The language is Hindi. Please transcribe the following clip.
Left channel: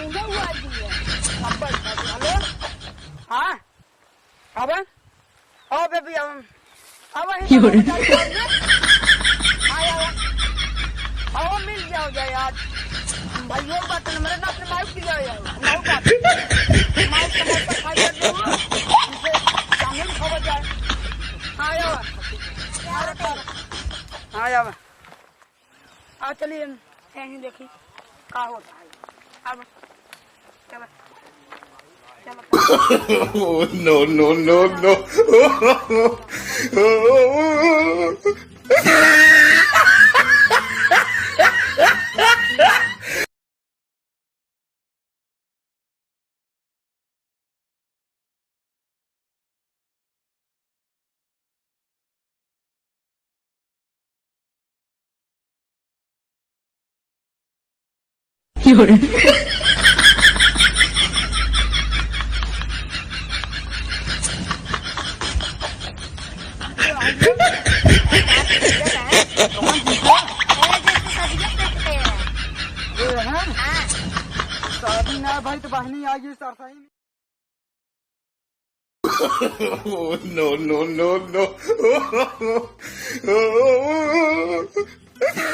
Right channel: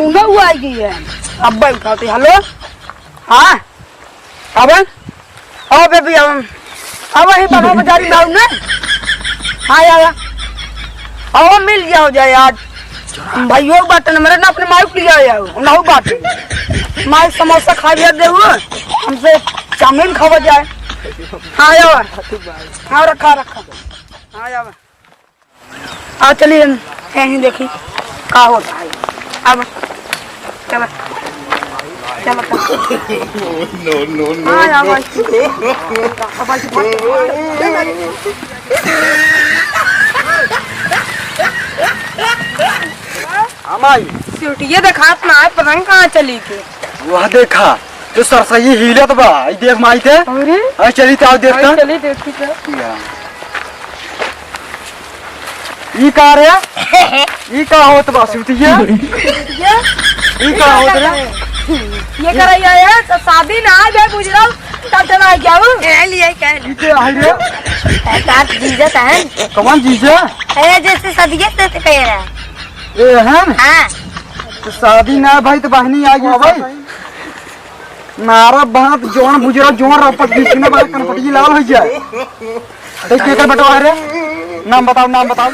उन्हें हुआ है अब बैठा थी। हेलो हाँ अब बेबी अब ही बाबा बाजारी लाऊ ना। हाँ यार अब मिल गया हो जाए यार भाइयों बात न मेरे ना अपने माइक लिया यार ना बात माइक समोसा खा लिया दे हमसे चाउमीन खावा जाए। हाँ यार हाँ रखा हाँ यार आ चलिए यहीं देखी क्या होता है अब चलो No, no, no, no. ये देखा अपना है पतंग कहाँ चली थी। वह देखा तो सरसई हिलत बा देख माई थे। अरे चली तो देखता चली देखी तो ई का रे ई का होत बा सुतिया ई का होत रे ये करैया है तो शादी ना आ जाए गुजराल तब चला जाओ ए लिए कह इते आई रे काट जीजत है कौन जीजा ए जैसे सदिया तैसे कह रहा है ए हैं हां तो शादी ना भाई तो बहनी आ गई भाई नारा बात जोन बुजरा जोन रपट बीच में बात कनपटी लाल हो जाए देख के बटवा रे नाम बताओ